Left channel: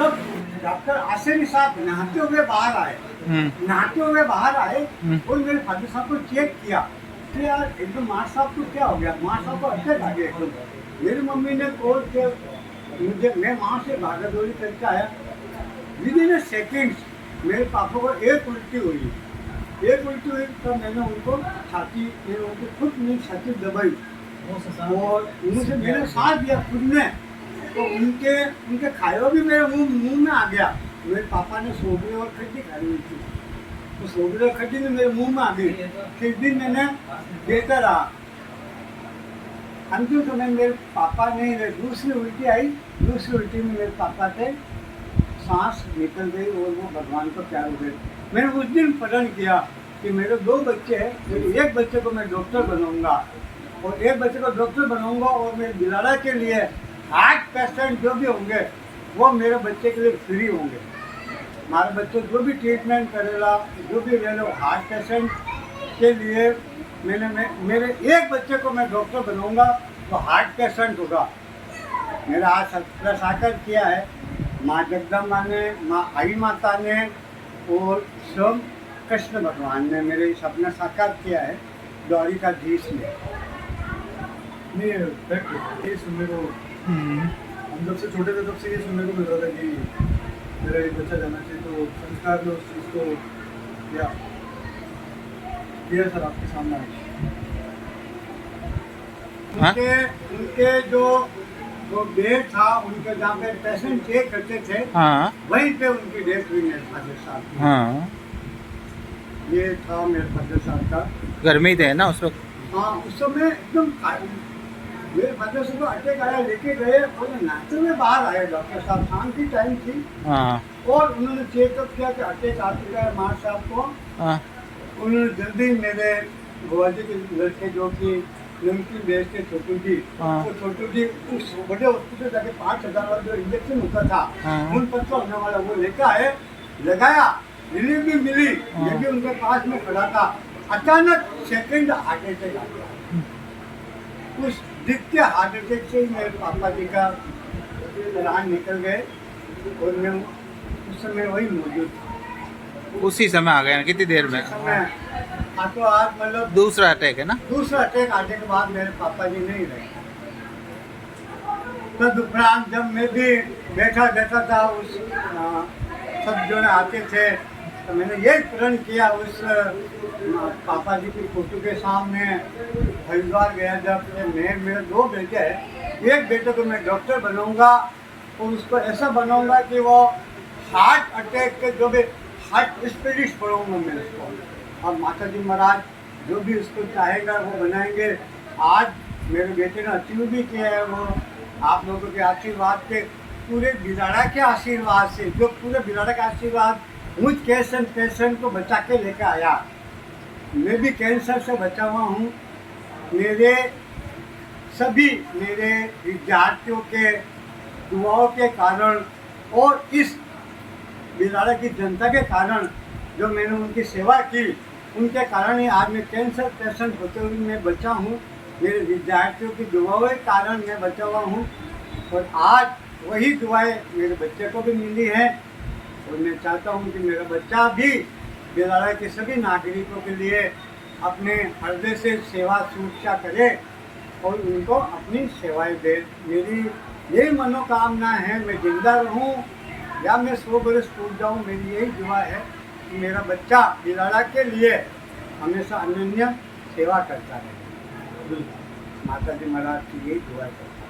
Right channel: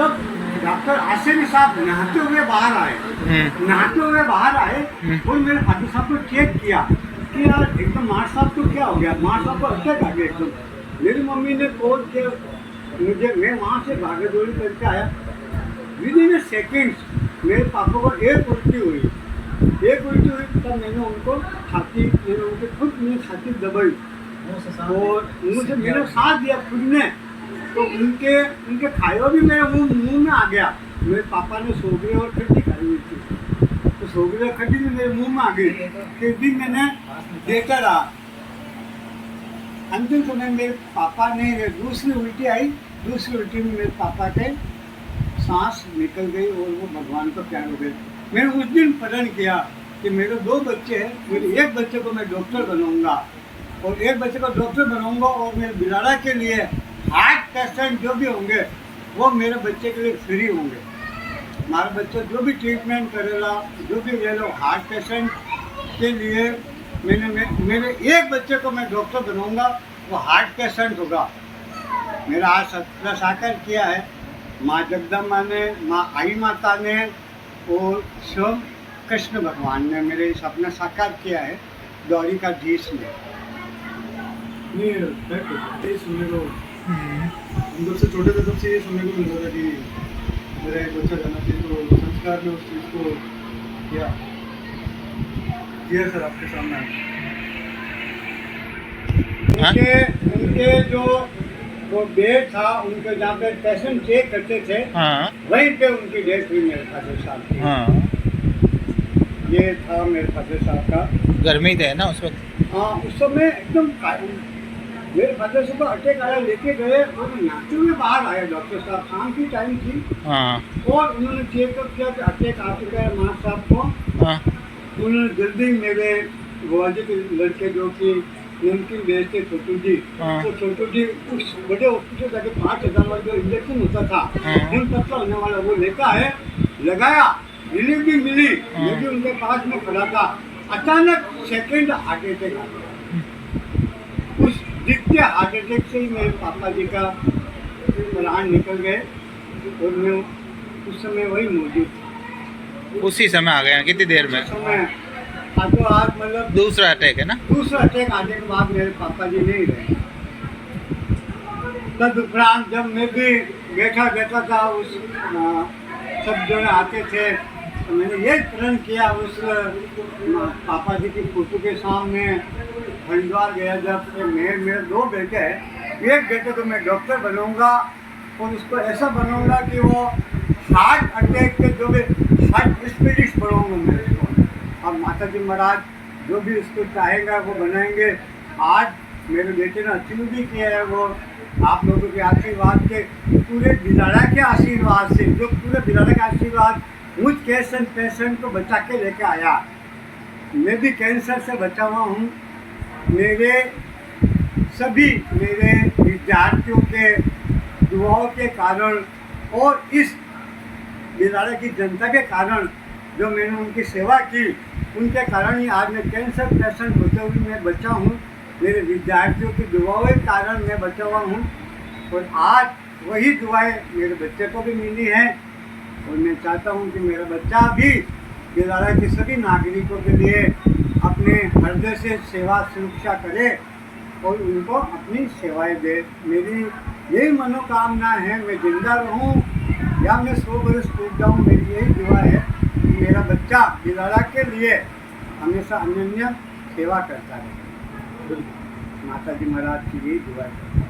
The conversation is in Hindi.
तब डॉक्टर आसिफ साहब नहाते हुए बाहर आए, और मेरे फादर साहब को चेक किया कि यार एकदम मार साहब को क्या हो गया, मार साहब को अटैक आ गया एकदम। मेरी मम्मी ने कॉल किया मुझे, मैं वहाँ से भागा दौड़ी करके आया। विद इन सेकेंड्स मेरे पापा को एक उल्टी हुई, तब मैंने उनको खुद मेरी छाती दबाई और मुझे मेरा साथ दिया खुद ने, तो उनके खाया भी मेरे मुंह में आ गया। मेरे पापा ने सोगरी और खट्टी खाई हुई थी, तो सोगरी और खट्टी भी मेरे मुंह में आ गई। फिर भी मैंने देता रहा। अंतिम समय मेरे पापा ने दूसरी उल्टी आई, दूसरी उल्टी में मेरे पापा के सांस निकल गई और वो भगवान को प्यार हो गए। मैंने उस दिन प्रण किया कि मेरे 2 बच्चे हैं, मेरे एक बच्चे को मैं डॉक्टर बनाऊंगा और एक बच्चे को डॉक्टर बनाऊंगा, और मेरे बिलाड़ा के लिए हार्ट पेशेंट जो भी होंगे वो मेरे बच्चे के लिए फ्री होंगे। हमारे बच्चे जो भी ट्रीटमेंट करेगा, जो भी ले लो, हार्ट पेशेंट के लिए मेरे एक बच्चे को मैं डॉक्टर बनाऊंगा, वो हार्ट पेशेंट होगा। मेरा आज सपना साकार किया है माँ जगदम्बा ने, माँ आई माता ने और स्वयं कृष्ण भगवान ने मेरे सपना साकार किया है, द्वारिकाधीश ने। ये सुनने को हम जब से छोटे थे तब से ये सुनने को मिल रहा था कि मेरा एक बच्चा जाना चाहिए, तो संस्कार में उस चीज़ को किया सर आपके सामने। उनके जो बेड था, उनके जहाँ पे पेशेंट चेक करते थे, वहीं पे उनकी डेथ हुई मेरे फादर साहब की। ये था मेरे फादर साहब का। गर्मी थे ना उस वक्त? हाँ, उस समय एकदम मेरे फादर साहब को अटैक आया, लेके गए और नाचते हुए बाहर आए डॉक्टर साहब, शाम की टाइम थी। और उन्होंने चेकअप किया कि अटैक आ चुका है माँ साहब को। उन्होंने जल्दी मेरे बुआजी के लड़के जो कि नमकीन बेचते छोटू जी, तो छोटू जी उस बड़े हॉस्पिटल जाके 5,000 वाला जो इंजेक्शन होता था, खून पतला होने वाला, वो लेकर आए, लगाया, रिलीफ भी मिली, ये भी उनके पास में खड़ा था। अचानक सेकंड हार्ट अटैक आ गया। उस द्वितीय हार्ट अटैक से ही मेरे पापा जी का प्राण निकल गए और मैं उस समय वही मौजूद था। उसी समय आ गया? कितनी देर में? समय तो आज मतलब दूसरा अटैक है ना? दूसरा अटैक आने के बाद मेरे पापा जी नहीं रहे। तदुपरांत जब मैं भी बैठा था, उस सब जो आते थे, तो मैंने ये प्रण किया उस पापा जी की फोटो के सामने। हरिद्वार गया जब, मेरे 2 बेटे हैं, एक बेटे को मैं डॉक्टर बनाऊंगा और उसको ऐसा बनाऊंगा कि वो हार्ट अटैक के जो भी हार्ट स्पेशलिस्ट बनाऊंगा मैं उसको। अब माता जी महाराज जो भी उसको चाहेगा वो बनाएंगे। आज मेरे बेटे ने अचीव भी किया है वो, आप लोगों के आशीर्वाद के, पूरे बिलाड़ा के आशीर्वाद से, जो पूरे बिलाड़ा का आशीर्वाद मुझ पेशेंट को बचा के लेकर आया। मैं भी कैंसर से बचा हुआ हूँ। मेरे विद्यार्थियों के दुआओं के कारण और इस बिलाड़ा की जनता के कारण जो मैंने उनकी सेवा की, उनके कारण ही आज मैं कैंसर पेशेंट होते हुए मैं बचा हूँ। मेरे विद्यार्थियों की दुआओं के कारण मैं बचा हुआ हूँ और आज वही दुआएं मेरे बच्चे को भी मिली हैं और मैं चाहता हूँ कि मेरा बच्चा भी बिलाड़ा के सभी नागरिकों के लिए अपने हृदय से सेवा सुरक्षा करे और उनको अपनी सेवाएं दे। मेरी यही मनोकामना है, मैं जिंदा रहूं या मैं 100 बरस टूट जाऊं, मेरी यही दुआ है कि मेरा बच्चा बिलाड़ा के लिए हमेशा अनन्य सेवा करता रहे। माता जी महाराज की यही दुआ करता है।